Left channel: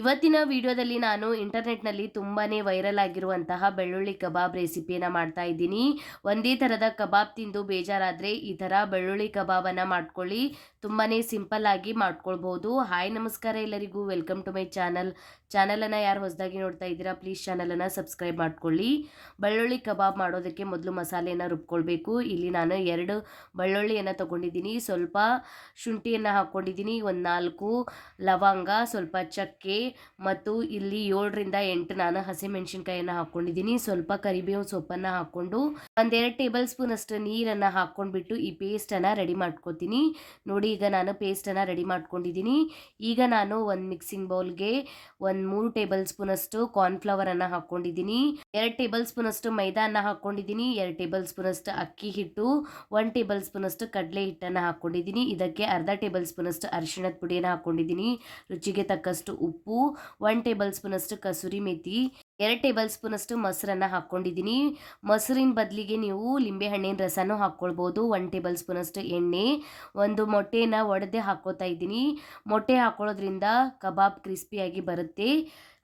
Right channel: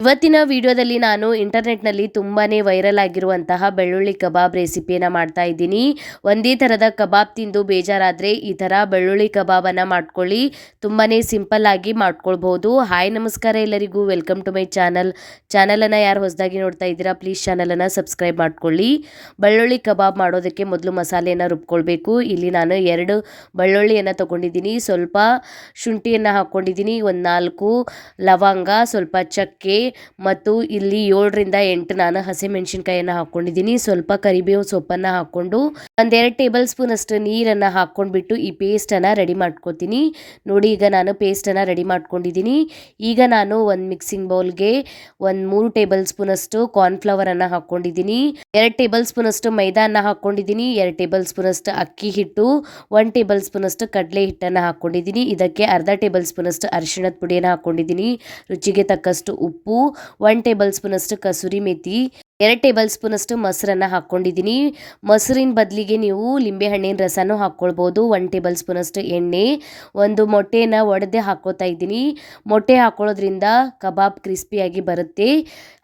ಇವತ್ತಿನ ವಿಡಿಯೋದಲ್ಲಿ ನಾನು ಇಂಟರ್ನೆಟ್ನಲ್ಲಿ ತುಂಬಾ ವೈರಲ್ ಆಗಿರುವಂತಹ ಬೆಳ್ಳುಳ್ಳಿ ಕಬಾಬ್ ರೆಸಿಪಿಯನ್ನು ಮಾಡ್ತಾ ಇದ್ದೀನಿ. ಒಂದೇ ಥರದ ಕಬಾಬ್ ತಿಂದು ಬೇಜಾರಾದರೆ ಈ ಥರ ಬೆಳ್ಳುಳ್ಳಿ ಕಬಾಬನ್ನು ಮಾಡ್ಕೊಳ್ಳಿ. ತುಂಬಾ ಸಿಂಪಲ್ ಆಗಿ ಮಾಡ್ಕೊಳ್ಬೋದು. ಹಾಯ್, ನಮಸ್ಕಾರ ಎಲ್ಲರಿಗೂ. Welcome to my channel. ಚಾನಲನ್ನು ಯಾರು ಹೊಸದಾಗಿ ನೋಡ್ತಾ ಇದ್ದೀರಾ, ಪ್ಲೀಸ್ ಚಾನಲನ್ನು ಸಬ್ಸ್ಕ್ರೈಬ್ ಮಾಡ್ಕೊಳ್ಳಿ. ಬೆಳ್ಳುಳ್ಳಿ ಕಬಾಬ್ ಮಾಡೋದಕ್ಕೆ ಮೊದಲು ಮಸಾಲೆಯನ್ನು ರುಬ್ಕೊಳ್ಬೇಕು. ಇಲ್ಲಿ ನಾನು ಎರಡು ಬೆಳ್ಳುಳ್ಳಿಯನ್ನು ತೊಗೊಂಡಿದ್ದೀನಿ. ಸ್ವಲ್ಪ ಶುಂಠಿಯನ್ನು ಹಾಕ್ಕೊಂಡಿದ್ದೀನಿ. ಒಂದು ನಾಲ್ಕು ಲವಂಗ, ಸ್ವಲ್ಪ ಚಕ್ಕೆ ಮತ್ತು ಇಲ್ಲಿ ಏಳರಿಂದ ಎಂಟು ನಾನು ಹಸಿಮೆಣಸಿನ್ಕಾಯಿಯನ್ನು ಹಾಕ್ಕೊಂಡಿದ್ದೀನಿ. ಸ್ವಲ್ಪ ಕರಿಬೇವು ಸೊಪ್ಪನ್ನು ಹಾಕ್ಕೊಂಡು ಒಂದೆರಡು ಟೇಬಲ್ ಸ್ಪೂನ್ ಅಷ್ಟು ನೀರನ್ನು ಹಾಕ್ಕೊಂಡ್ಬಿಟ್ಟು ಈ ಪೇಸ್ಟನ್ನು ರೆಡಿ ಮಾಡ್ಕೊತೀನಿ. ನೋಡಿ, ಈಗ ನಾನು ಪೇಸ್ಟನ್ನು ರೆಡಿ ಮಾಡ್ಕೊಂಡಿದ್ದೀನಿ. ಈಗ ನಾನು ಒಂದು ಮಿಕ್ಸಿಂಗ್ ಬೌಲ್ಗೆ ಒಂದು ಮೂರು ಟೇಬಲ್ ಸ್ಪೂನ್ ಅಷ್ಟು ಕಾರ್ನ್ಫ್ಲವರನ್ನು ಹಾಕ್ಕೊಂಡಿದ್ದೀನಿ. ಎರಡು ಟೇಬಲ್ ಸ್ಪೂನ್ ಅಷ್ಟು ಮೈದಾನ ಹಾಕ್ಕೊಂಡಿದ್ದೀನಿ. ಎರಡು ಟೇಬಲ್ ಸ್ಪೂನ್ ಅಷ್ಟು ಅಕ್ಕಿ ಹಿಟ್ಟು. ಒನ್ ಟೇಬಲ್ ಸ್ಪೂನ್ ಅಷ್ಟು ಕಡಲೆ ಹಿಟ್ಟನ್ನು ಹಾಕ್ಕೊಂಡಿದ್ದೀನಿ. ಇದಕ್ಕೆ ಅರ್ಧ ಟೇಬಲ್ ಸ್ಪೂನ್ ಅಷ್ಟು ಅರಿಶಿಣದ ಪುಡಿಯನ್ನು ಹಾಕ್ಕೊಂಡಿದ್ದೀನಿ. ರುಚಿಗೆ ತಕ್ಕಷ್ಟು ಉಪ್ಪು ಒನ್ ಟೇಬಲ್ ಸ್ಪೂನಷ್ಟು ಕಸೂರಿ ಮೇಥಿ ಎರಡು ಟೇಬಲ್ ಸ್ಪೂನಷ್ಟು ಮೊಸರನ್ನು ಹಾಕ್ಕೊಂಡಿದ್ದೀನಿ. ಮೊಸರಿನ ಬದಲಿಗೆ ನೀವು ಲಿಂಬೆಹಣ್ಣಿನ ರಸನೂ ಹಾಕ್ಕೊಳ್ಬೋದು. ಒನ್ ಟೇಬಲ್ ಸ್ಪೂನಷ್ಟು ಎಣ್ಣೆ, ಒಂದು ಮೊಟ್ಟೆನ ಒಡೆದೇ ಹಾಕ್ಕೋತಾ ಇದ್ದೀನಿ. ಮೊಟ್ಟೆ ಹಾಕ್ಕೊಳ್ಳೋದ್ರಿಂದ ಕಬಾಬ್ ಕ್ರಿಸ್ಪಿಯಾಗಿ ಬರುತ್ತೆ.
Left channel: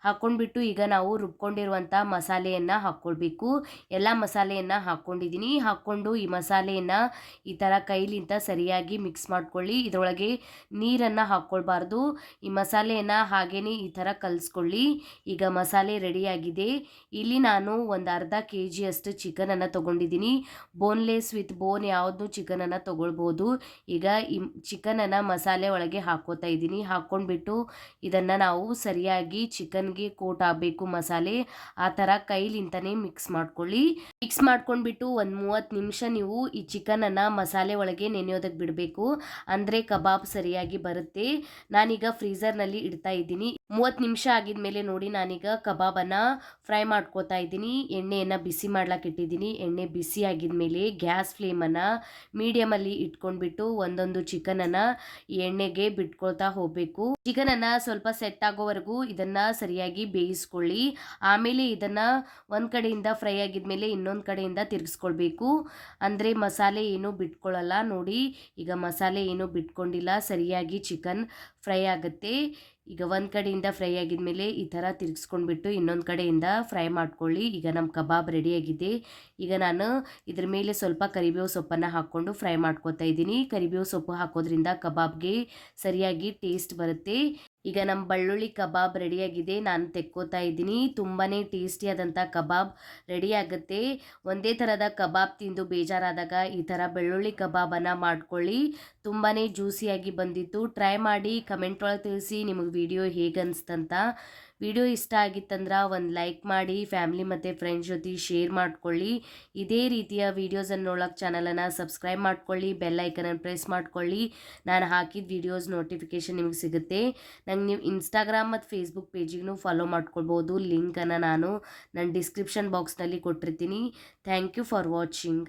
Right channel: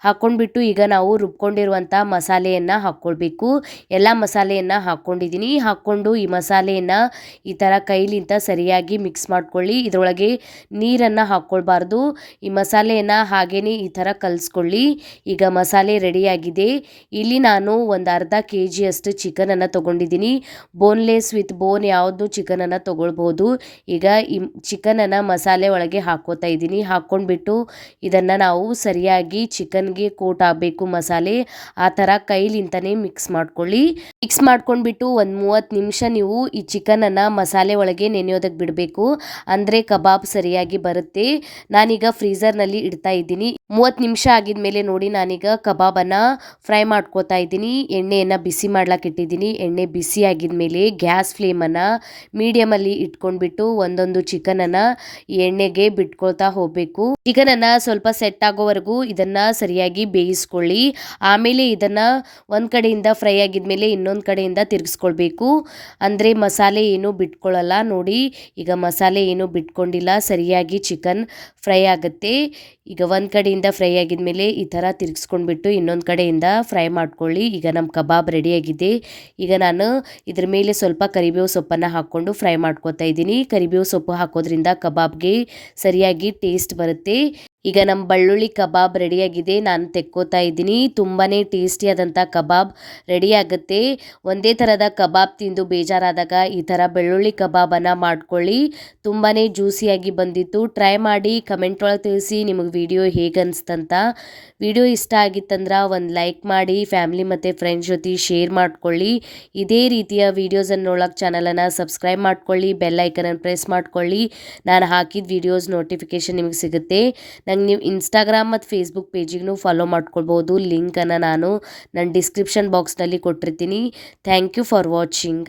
ಹಾಕ್ಕೊಂಡ್ಬಿಟ್ಟು ಈಗ ನಾವು ರುಬ್ಕೊಂಡಿರುವಂಥ ಮಸಾಲೆಯನ್ನು ಹಾಕ್ಕೊಳ್ಬೇಕು. ಎಲ್ಲ ಮಸಾಲೆಯನ್ನು ಹಾಕ್ಕೊಂಡಿದ್ದೀನಿ. ಹಾಕ್ಕೊಂಡು ಈ ಮಸಾಲೆಯನ್ನು ಈ ಥರ ಕೈಲಿಂತ ಸರಿಯಾಗಿ ಮಿಕ್ಸ್ ಮಾಡ್ಕೊಳ್ಳಿ. ಇದರೊಳಗೆ ನೀರನ್ನು ಹಾಕ್ಕೊಳ್ಬಾರ್ದು. ಈ ಮಸಾಲೆಯನ್ನು ಹಾಗೇ ಈ ಥರ ಕಲಿಸ್ಕೊಳ್ಳಿ. ಈಗ ಮಸಾಲೆ ರೆಡಿಯಾಗಿದೆ ಇಲ್ಲಿ ನಾನು ಒಂದು ಅರ್ಧ ಕೆ ಜಿಯಷ್ಟು ಚಿಕನನ್ನು ತೊಗೊಂಡಿದ್ದೀನಿ. ಬೋನ್ಲೆಸ್ ವಿತ್ ಬೋನ್ ಯಾವುದು ಚಿಕನನ್ನು ತೊಗೊಳ್ಬೋದು. ಈಗ ಈ ಚಿಕನನ್ನು ಮಸಾಲೆ ಒಳಗೆ ಹಾಕೋತಾ ಇದ್ದೀನಿ. ಹಾಕ್ಕೊಂಡ್ಬಿಟ್ಟು ಇದನ್ನು ನಾವು ಸರಿಯಾಗಿ ಚಿಕನ್ಗೆ ಕೋಟ್ ಆಗಬೇಕು ಮಸಾಲೆ. ಆ ಥರ ಕೈಲಿಂತನೇ ಮಿಕ್ಸ್ ಮಾಡ್ಕೊಳ್ಳಿ. ಮಿಕ್ಸ್ ಮಾಡ್ಕೊಂಡ್ಬಿಟ್ಟು ಒಂದು ಮೂವತ್ತು ನಿಮಿಷ ನೀವು ಈ ಚಿಕನನ್ನು ಮಸಾಲೆ ಒಳಗೆ ನೆನೆಯೋದಕ್ಕೆ ಬಿಡಬೇಕು. ಅಂದರೆ ಕಬಾಬ್ ಸರಿಯಾಗಿ ಬರುತ್ತೆ. ನಾನೀಗ ಫ್ರೀಝರ್ನಲ್ಲಿ ಇಡ್ತಾ ಇದ್ದೀನಿ. ಮೂವತ್ತು ನಿಮಿಷ ಆಗಿದ ನೋಡಿ ನಾನೀಗ ಕಬಾಬನ್ನು ಫ್ರೈ ಮಾಡ್ಕೋತಾ ಇದ್ದೀನಿ. ಎಣ್ಣೆಯನ್ನು ಬಿಸಿ ಮಾಡ್ಲಿಕ್ಕೆ ಇಟ್ಟಿದ್ದೀನಿ. ಎಣ್ಣೆ ಬಿಸಿ ಆಗಿದ ಮೇಲೆ ಗ್ಯಾಸ್ ಫ್ಲೇಮನ್ನು ಮೀಡಿಯಮಲ್ಲಿ ಇಟ್ಕೊಂಡ್ಬಿಟ್ಟು ಒಂದೊಂದು ಚಿಕನನ್ನು ಎಣ್ಣೆಗೆ ಬಿಟ್ಕೊಳ್ತಾ ಹೋಗಬೇಕು. ಚಿಕನನ್ನು ಸ್ವಲ್ಪ ಸೆಟ್ ಆಗೋವರೆಗೂ ಇದನ್ನು ಸರಿಯಾಗಿ ಬೇಯಿಸ್ಕೊಳ್ಳಿ. ಆಮೇಲೆ ಇದನ್ನು ಒಂದು ಕಡೆಯಿಂದ ಫ್ರೈ ಆಗಿದ್ಮೇಲೆ ಇನ್ನೊಂದು ಕಡೆಯಿಂದ ತಿರುಗಿಸ್ಕೊಳ್ಬೇಕು. ಅಂದರೆ ಮಸಾಲೆ ಏನು ಬಿಟ್ಕೊಳ್ಳಲ್ಲ ನೋಡಿ. ಈಗ ಮಸಾಲೆ ಏನು ಬಿಟ್ಕೊಂಡಿಲ್ಲ. ಸರಿಯಾಗಿ ಚಿಕನ್ ಫ್ರೈ ಆಗುತ್ತೆ. ಈಗ ಒಂದು ಕಡೆಯಿಂದ ಫ್ರೈ ಆಗಿದ ಮೇಲೆ ಈ ಥರ ತಿರುಗಿಸ್ಕೊಂಡ್ಬಿಟ್ಟು ಇನ್ನೊಂದು ಕಡೆಯಿಂದ ಫ್ರೈ ಮಾಡ್ಕೊಳ್ಳಿ. ಈಗ ನಮ್ಮ ಕಬಾಬ್ ರೆಡಿಯಾಗಿದೆ ಈಗ ನಾನು ಇದ್ರ ಮೇಲೆ ಸ್ವಲ್ಪ ಕರಿಬೇವು ಸೊಪ್ಪನ್ನು ಹಾಕ್ಕೊಂಡು ಫ್ರೈ ಮಾಡ್ಕೊತಾ ಇದ್ದೀನಿ. ಕರಿಬೇವು ಸೊಪ್ಪು ಹಾಕೋದ್ರಿಂದ ಕಬಾಬ್ಗೆ ಸರಿಯಾಗಿ ಟೇಸ್ಟ್ ಬರುತ್ತೆ. ಈಗ ನಮ್ಮ ಬೆಳ್ಳುಳ್ಳಿ ಕಬಾಬ್ ರೆಡಿಯಾಗಿದೆ, ನಾನು ತೆಕ್ಕೋತಾ ಇದ್ದೀನಿ. ತುಂಬಾ ಟೇಸ್ಟಿಯಾದಂಥ ಕಬಾಬ್ ರೆಡಿ ಆಗುತ್ತೆ. ಒಂದೇ ಥರದ ಕಬಾಬ್ ತಿಂದು ಬೇಜಾರಾದಾಗ ಈ ಥರ ಬೆಳ್ಳುಳ್ಳಿ ಕಬಾಬನ್ನು ಮಾಡ್ಕೊಳ್ಳಿ. ತುಂಬಾ ಜ್ಯೂಸಿಯಾಗಿ ಬಂದಿತ್ತು. ಟ್ರೈ ಮಾಡಿ, ಕಮೆಂಟ್ ಒಳಗೆ ತಿಳಿಸಿ ನಿಮಗೆ ವಿಡಿಯೋ ಹೇಗೆ ಅನಿಸ್ತಂತ. ವಿಡಿಯೋ ಇಷ್ಟ ಆಗಿತ್ತಂದ್ರೆ ಒಂದು ಲೈಕ್ ಮಾಡಿ, ಫ್ಯಾಮ್ಲಿ ಮತ್ತು ಫ್ರೆಂಡ್ಸ್ ಜೊತೆ ಶೇರ್ ಮಾಡ್ಕೊಳ್ಳಿ. ಇದೇ ರೀತಿಯ ವೀಡಿಯೋಸನ್ನು ನೋಡೋಕೆ ಚಾನಲನ್ನು ಸಬ್ಸ್ಕ್ರೈಬ್ ಮಾಡ್ಕೊಳ್ಳಿ, ಬೆಲ್ ಐಕನನ್ನು ಪ್ರೆಸ್ ಮಾಡ್ಕೊಳ್ಳಿ. ನಾನು ಹಾಕಿದ ವೀಡಿಯೋಸ್ ನೋಟಿಫಿಕೇಷನ್ ನಿಮಗೆ ಸಿಗುತ್ತೆ. ನೀವು ಇನ್ಸ್ಟಾಗ್ರಾಮ್ ಮತ್ತು ಫೇಸ್ಬುಕ್ ಪೇಜಿಗೂ ಫಾಲೋ ಮಾಡ್ಕೊಳ್ಬೋದು. ಲಿಂಕನ್ನು ನಾನು ನನ್ನ ಡಿಸ್ಕ್ರಿಪ್ಷನ್ ಬಾಕ್ಸ್ನಲ್ಲಿ ಕೊಟ್ಟಿರ್ತೀನಿ. Thank you for watching